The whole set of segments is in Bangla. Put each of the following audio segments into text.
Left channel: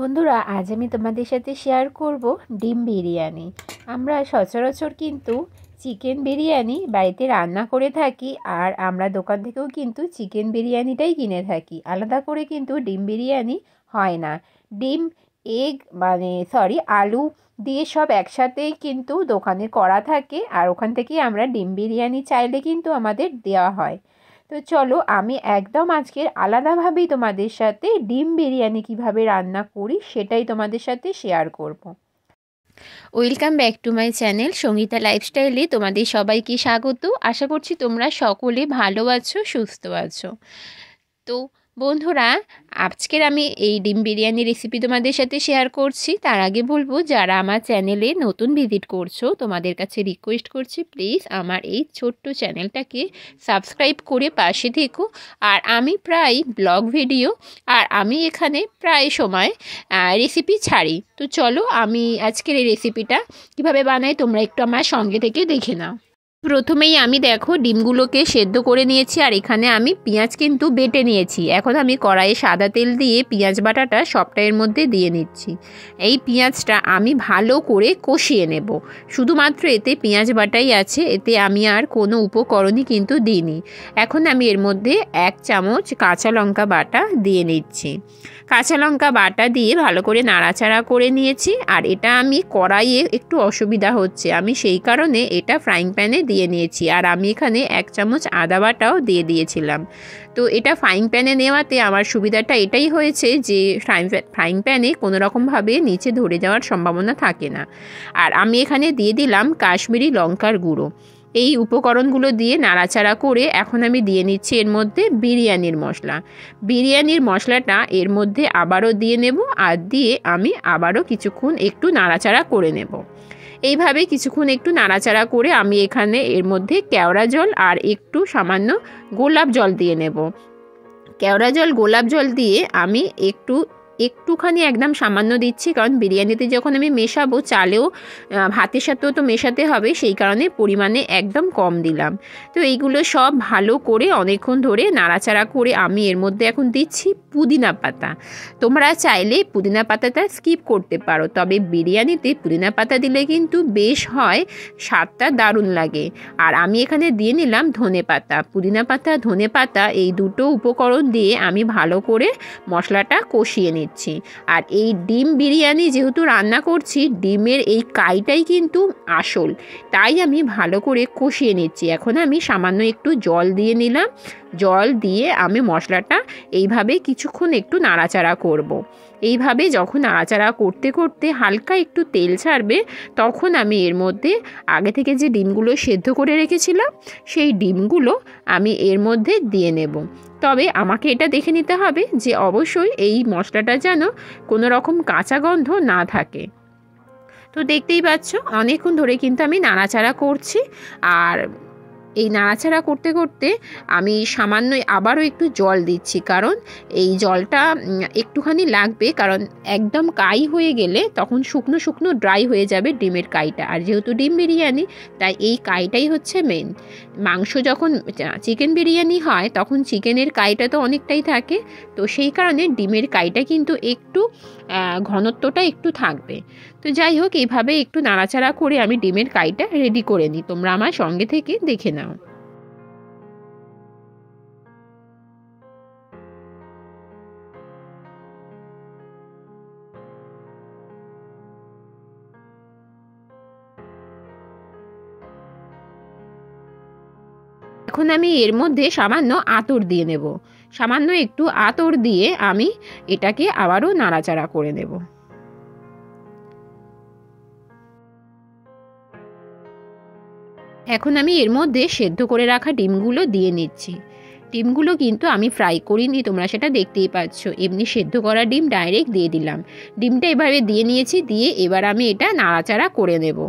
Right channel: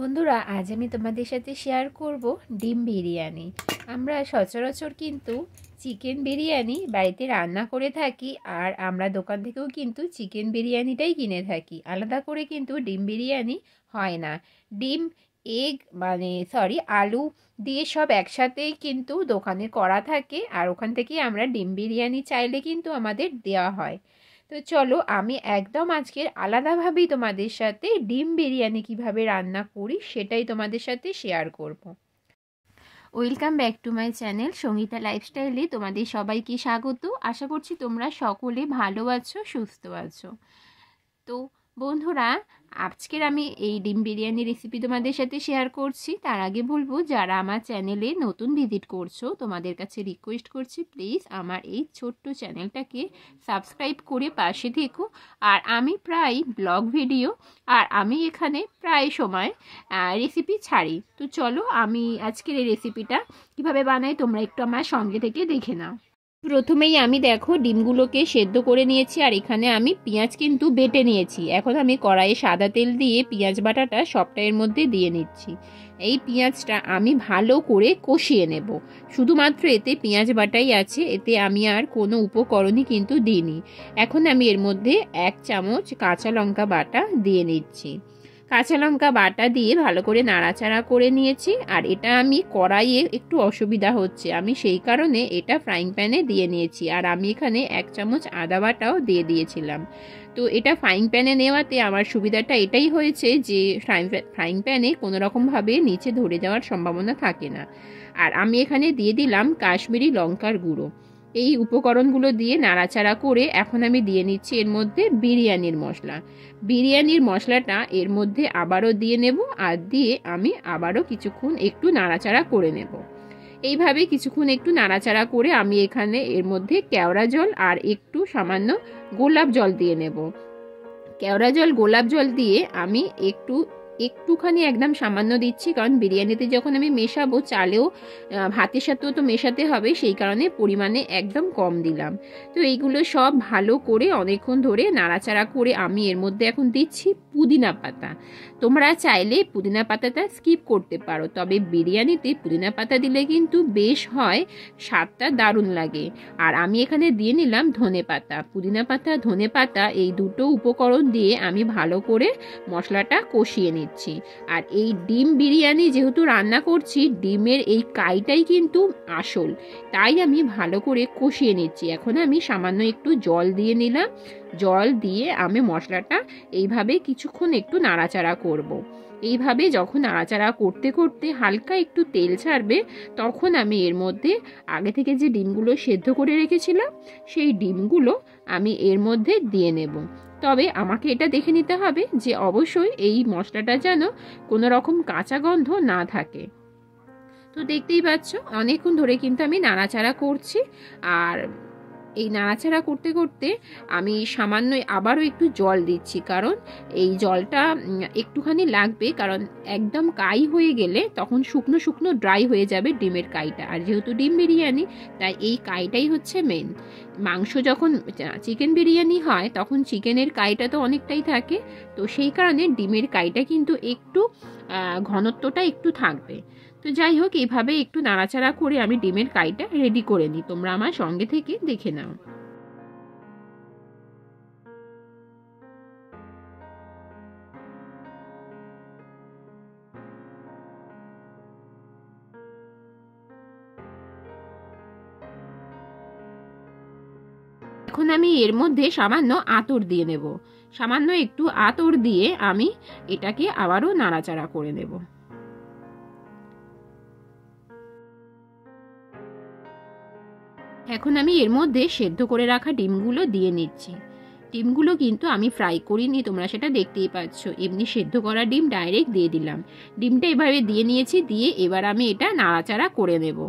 বন্ধুরা, আজ আমি তোমাদের সাথে শেয়ার করব ডিম বিরিয়ানি। আমরা সচরাচর কিন্তু চিকেন বিরিয়ানি বাড়িতে রান্না করে থাকি, আর আমরা দোকান থেকেও কিন্তু চিকেন বিরিয়ানিটাই কিনে থাকি। আলাদা করে কিন্তু ডিম বিরিয়ানি হয় না। ডিম, এগ আলু দিয়ে সব একসাথেই কিন্তু দোকানে করা থাকে, আর ওখান থেকেই আমরা ডিম বিরিয়ানি চাইলে কিন্তু আমাদের দেওয়া হয়। তো চলো, আমি একদম আজকের আলাদাভাবেই তোমাদের সাথে ডিম বিরিয়ানি কিভাবে রান্না করি সেটাই তোমাদের সাথে শেয়ার করব। Welcome back to my channel Sangeeta লাইফস্টাইলে তোমাদের সবাইকে স্বাগত। আশা করছি তোমরা সকলে ভালো আছো, সুস্থ আছো। তো বন্ধুরা, আজকের আমি এই ডিম বিরিয়ানি রেসিপি তোমাদের সাথে শেয়ার করছি। তার আগে বলবো, যারা আমার চ্যানেলে নতুন ভিজিট করছো তোমাদের কাছে রিকোয়েস্ট করছি, প্লিজ আমার এই ছোট্ট চ্যানেলটাকে সাবস্ক্রাইব করে পাশে থেকো। আর আমি প্রায় ব্লগ ভিডিও আর আমি এখানে প্রায় সময় রেসিপি ছাড়ি। তো চলো, আমি আজকের এই রেসিপিটা কীভাবে বানাই তোমরা একটু আমার সঙ্গে থেকে দেখে নাও। প্রথমেই আমি দেখো ডিমগুলোকে সেদ্ধ করে নিয়েছি, আর এখানে আমি পেঁয়াজ কিন্তু বেটে নিয়েছি। এখন আমি কড়াইয়ে সাদা তেল দিয়ে পেঁয়াজ বাটাটা সবটা এর মধ্যে দিয়ে নিচ্ছি। এই পেঁয়াজটা আমি ভালো করে কষিয়ে নেব। শুধুমাত্র এতে পেঁয়াজ বাটাই আছে, এতে আমি আর কোনো উপকরণই কিন্তু দিইনি। এখন আমি এর মধ্যে 1 চামচ কাঁচা লঙ্কা বাটা দিয়ে নিচ্ছি। কাঁচা লঙ্কা বাটা দিয়ে ভালো করে নাড়াচাড়া করে নিয়েছি। আর এটা আমি কড়াইয়ে একটু অসুবিধা হচ্ছে, আমি সেই কারণে এটা ফ্রাইং প্যানে দিয়ে নিয়েছি। আর আমি এখানে 1 চামচ আদা বাটাও দিয়ে দিয়েছিলাম। তো এটা ফ্রাইং প্যানে নেওয়াতে আমার সুবিধাটা এটাই হয়েছে যে ফ্রাইং প্যানে কোনো রকমভাবে নিচে ধরে যাওয়ার সম্ভাবনা থাকে না। আর আমি এখানে দিয়ে দিলাম কাশ্মীরি লঙ্কার গুঁড়ো। এই উপকরণগুলো দিয়ে নাড়াচাড়া করে এখন আমি দিয়ে নিচ্ছি এর মধ্যে বিরিয়ানির মশলা। বিরিয়ানির মশলাটা এর মধ্যে আবারও দিয়ে নেব, আর দিয়ে আমি আবারও কিছুক্ষণ একটু নাড়াচাড়া করে নেব। এইভাবে কিছুক্ষণ একটু নাড়াচাড়া করে আমি এখানে এর মধ্যে কেওড়া জল আর একটু সামান্য গোলাপ জল দিয়ে নেব। কেওড়া জল, গোলাপ জল দিয়ে আমি একটুখানি একদম সামান্য দিচ্ছি, কারণ বিরিয়ানিতে যখন আমি মেশাবো চালেও ভাতের সাথেও তো মেশাতে হবে, সেই কারণে পরিমাণে একদম কম দিলাম। তো এইগুলো সব ভালো করে অনেকক্ষণ ধরে নাড়াচাড়া করে আমি এর মধ্যে এখন দিচ্ছি পুদিনা পাতা। তোমরা চাইলে পুদিনা পাতাটা স্কিপ করতে পারো, তবে বিরিয়ানিতে পুদিনা পাতা দিলে কিন্তু বেশ হয়, স্বাদটা দারুণ লাগে। আর আমি এখানে দিয়ে নিলাম ধনে পাতা। পুদিনা পাতা, ধনে পাতা এই দুটো উপকরণ দিয়ে আমি ভালো করে মশলাটা কষিয়ে নিচ্ছি। আর এই ডিম বিরিয়ানি যেহেতু রান্না করছি, ডিমের এই কাইটাই কিন্তু আসল, তাই আমি ভালো করে কষিয়ে নিচ্ছি। এখন আমি সামান্য একটু জল দিয়ে নিলাম। জল দিয়ে আমি মশলাটা এইভাবে কিছুক্ষণ একটু নাড়াচাড়া করব। এইভাবে যখন নাড়াচাড়া করতে করতে হালকা একটু তেল ছাড়বে, তখন আমি এর মধ্যে আগে থেকে যে ডিমগুলো সেদ্ধ করে রেখেছিলাম সেই ডিমগুলো আমি এর মধ্যে দিয়ে নেব। তবে আমাকে এটা দেখে নিতে হবে যে অবশ্যই এই মশলাটা যেন কোনো রকম কাঁচা গন্ধ না থাকে। তো দেখতেই পাচ্ছ অনেকক্ষণ ধরে কিন্তু আমি নাড়াচাড়া করছি। আর এই নাড়াচাড়া করতে করতে আমি সামান্য আবারও একটু জল দিচ্ছি, কারণ এই জলটা একটুখানি লাগবে, কারণ একদম কাই হয়ে গেলে তখন শুকনো শুকনো ড্রাই হয়ে যাবে ডিমের কাইটা। আর যেহেতু ডিম বিরিয়ানি, তাই এই কাইটাই হচ্ছে মেন। মাংস যখন চিকেন বিরিয়ানি হয় তখন চিকেনের কাইটা তো অনেকটাই থাকে, তো সেই কারণে ডিমের কাইটা কিন্তু একটু ঘনত্বটা একটু থাকবে। তো যাই হোক, এইভাবে একটু নাড়াচাড়া করে আমি ডিমের কাইটা রেডি করে নিই। তোমরা আমার সঙ্গে থেকে দেখে নাও। এখন আমি এর মধ্যে সামান্য আতর দিয়ে নেব। সামান্য একটু আতর দিয়ে আমি এটাকে আবারও নাড়াচাড়া করে নেব। এখন আমি এর মধ্যে সেদ্ধ করে রাখা ডিমগুলো দিয়ে নিচ্ছি। ডিমগুলো কিন্তু আমি ফ্রাই করিনি, তোমরা সেটা দেখতেই পাচ্ছ। এমনি সেদ্ধ করা ডিম ডাইরেক্ট দিয়ে দিলাম। ডিমটা এভাবে দিয়ে নিয়েছি, দিয়ে এবার আমি এটা নাড়াচাড়া করে নেব।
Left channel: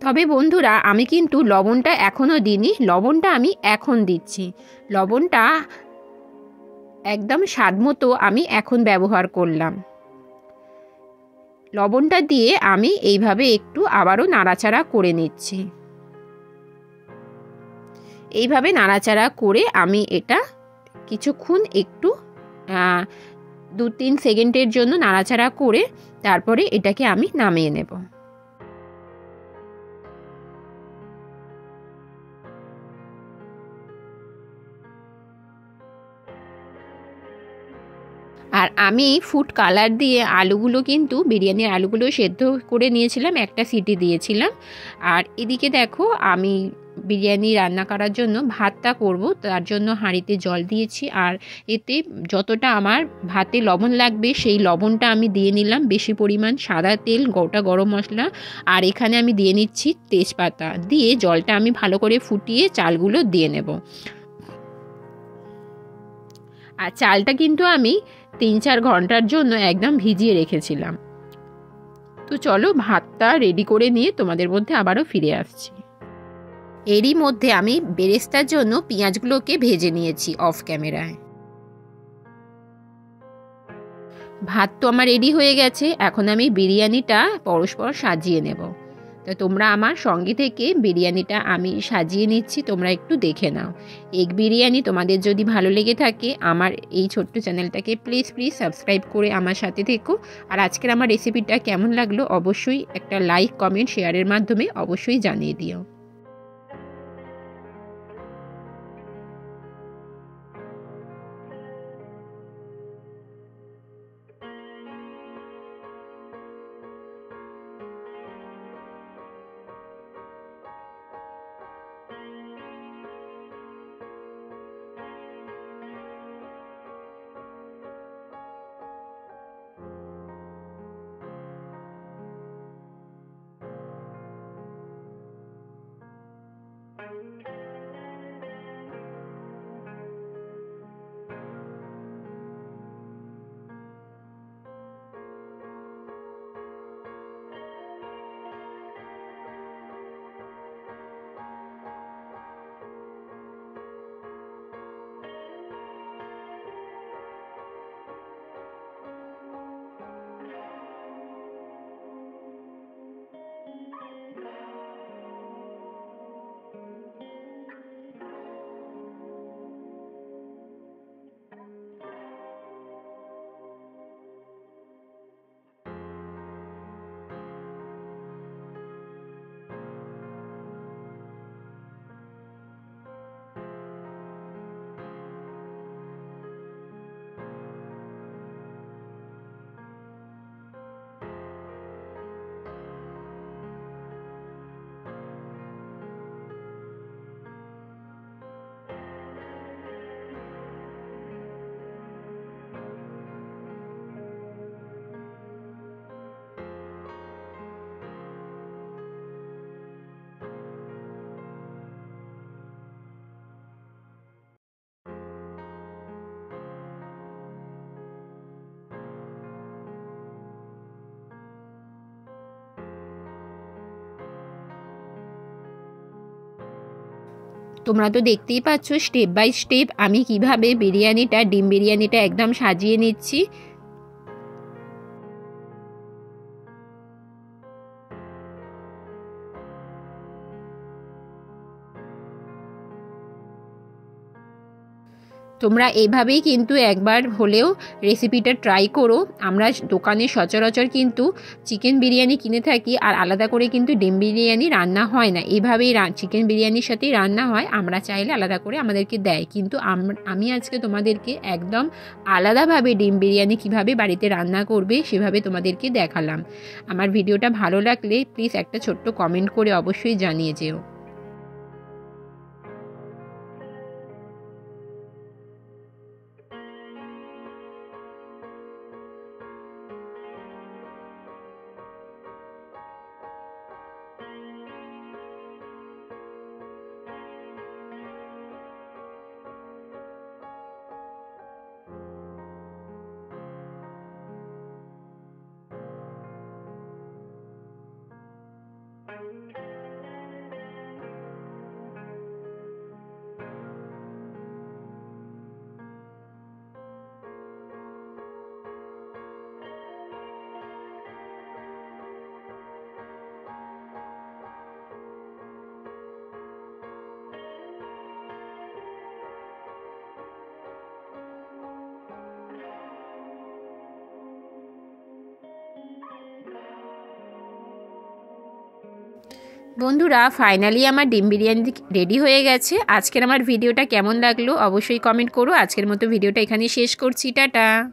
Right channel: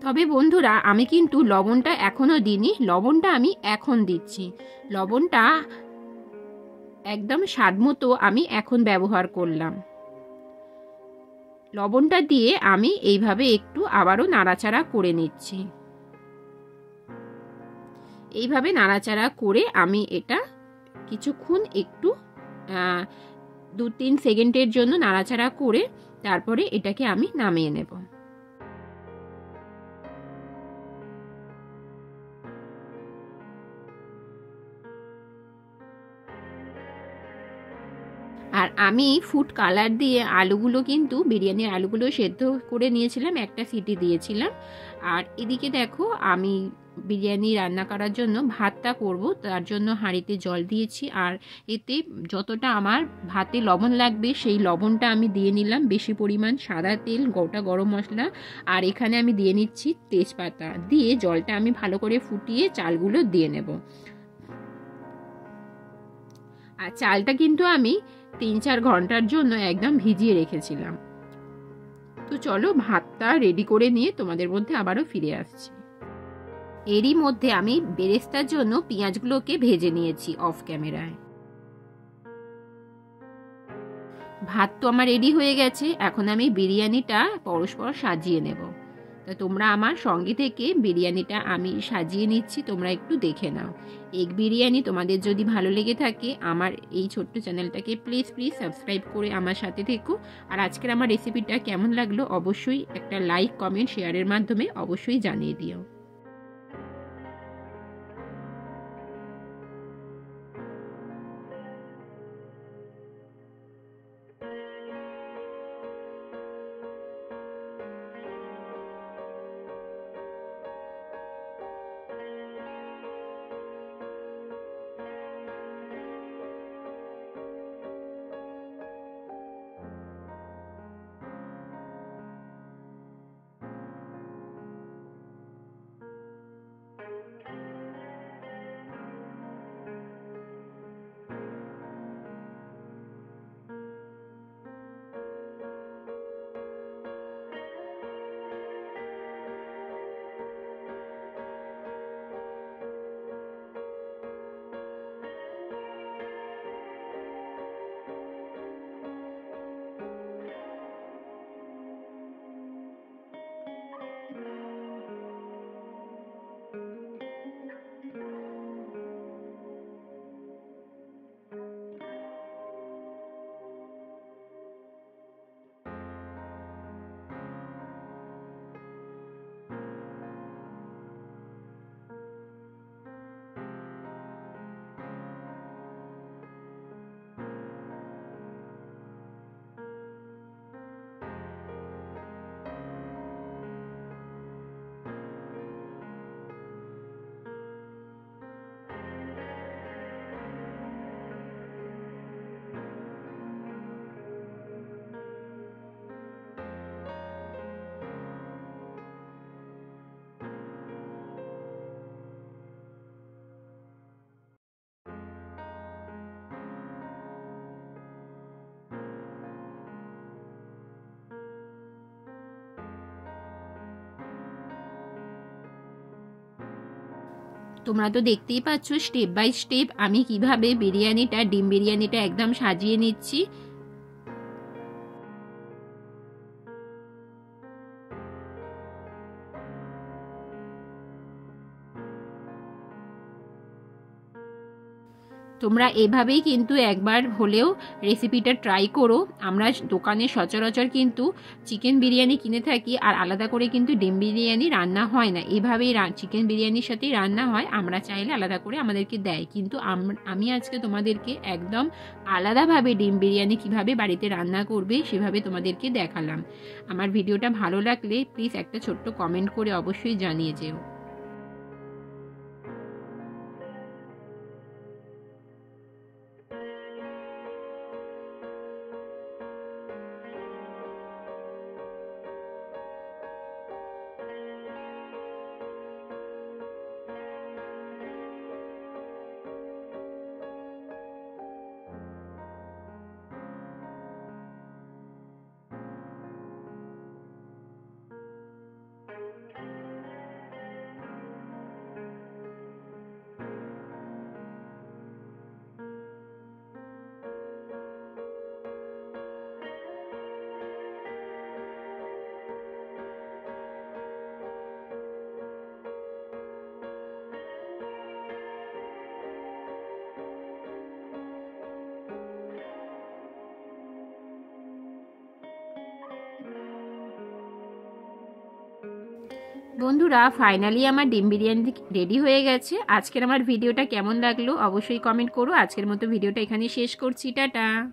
তবে বন্ধুরা আমি কিন্তু লবণটা এখনও দিইনি, লবণটা আমি এখন দিচ্ছি। লবণটা একদম স্বাদ মতো আমি এখন ব্যবহার করলাম। লবণটা দিয়ে আমি এইভাবে একটু আবারও নাড়াচাড়া করে নিচ্ছি। এইভাবে নাড়াচাড়া করে আমি এটা কিছুক্ষণ একটু 2-3 সেকেন্ডের জন্য নাড়াচাড়া করে তারপরে এটাকে আমি নামিয়ে নেব। আর আমি ফুড কালার দিয়ে আলুগুলো কিন্তু বিরিয়ানির আলুগুলো সেদ্ধ করে নিয়েছিলাম, একটা সিটি দিয়েছিলাম। আর এদিকে দেখো আমি বিরিয়ানি রান্না করার জন্য ভাতটা করব, তার জন্য হাঁড়িতে জল দিয়েছি। আর এতে যতটা আমার ভাতে লবণ লাগবে সেই লবণটা আমি দিয়ে নিলাম, বেশি পরিমাণ সাদা তেল, গোটা গরম মশলা, আর এখানে আমি দিয়ে নিচ্ছি তেজপাতা। দিয়ে জলটা আমি ভালো করে ফুটিয়ে চালগুলো দিয়ে নেব। আর চালটা কিন্তু আমি 3-4 ঘন্টার জন্য একদম ভিজিয়ে রেখেছিলাম। তো চলো ভাতটা রেডি করে নিয়ে তোমাদের মধ্যে আবারও ফিরে আসছি। এরই মধ্যে আমি বেরেস্তার জন্য পেঁয়াজগুলোকে ভেজে নিয়েছি অফ ক্যামেরায়। ভাত তো আমার রেডি হয়ে গেছে, এখন আমি বিরিয়ানিটা পরস্পর সাজিয়ে নেব। তো তোমরা আমার সঙ্গে থেকে বিরিয়ানিটা আমি সাজিয়ে নিচ্ছি, তোমরা একটু দেখে নাও। এগ বিরিয়ানি তোমাদের যদি ভালো লেগে থাকে আমার এই ছোট্ট চ্যানেলটাকে প্লিজ সাবস্ক্রাইব করে আমার সাথে থেকো। আর আজকের আমার রেসিপিটা কেমন লাগলো অবশ্যই একটা লাইক, কমেন্ট, শেয়ারের মাধ্যমে অবশ্যই জানিয়ে দিও। তোমরা তো দেখতেই পাচ্ছ স্টেপ বাই স্টেপ আমি কিভাবে ডিম বিরিয়ানিটা একদম সাজিয়ে নিচ্ছি। তোমরা এইভাবেই কিন্তু একবার হলেও রেসিপিটা ট্রাই করো। আমরা দোকানে সচরাচর কিন্তু চিকেন বিরিয়ানি কিনে থাকি, আর আলাদা করে কিন্তু ডিম বিরিয়ানি রান্না হয় না, এইভাবেই চিকেন বিরিয়ানির সাথেই রান্না হয়। আমরা চাইলে আলাদা করে আমাদেরকে দেয়, কিন্তু আমি আজকে তোমাদেরকে একদম আলাদাভাবে ডিম বিরিয়ানি কিভাবে বাড়িতে রান্না করবে সেভাবে তোমাদেরকে দেখালাম। আমার ভিডিওটা ভালো লাগলে প্লিজ একটা ছোট্ট কমেন্ট করে অবশ্যই জানিয়ে যেও। বন্ধুরা, ফাইনালি আমার ডিম বিরিয়ানি রেডি হয়ে গেছে। আজকের আমার ভিডিওটা কেমন লাগলো অবশ্যই কমেন্ট করো। আজকের মতো ভিডিওটা এখানেই শেষ করছি। টাটা।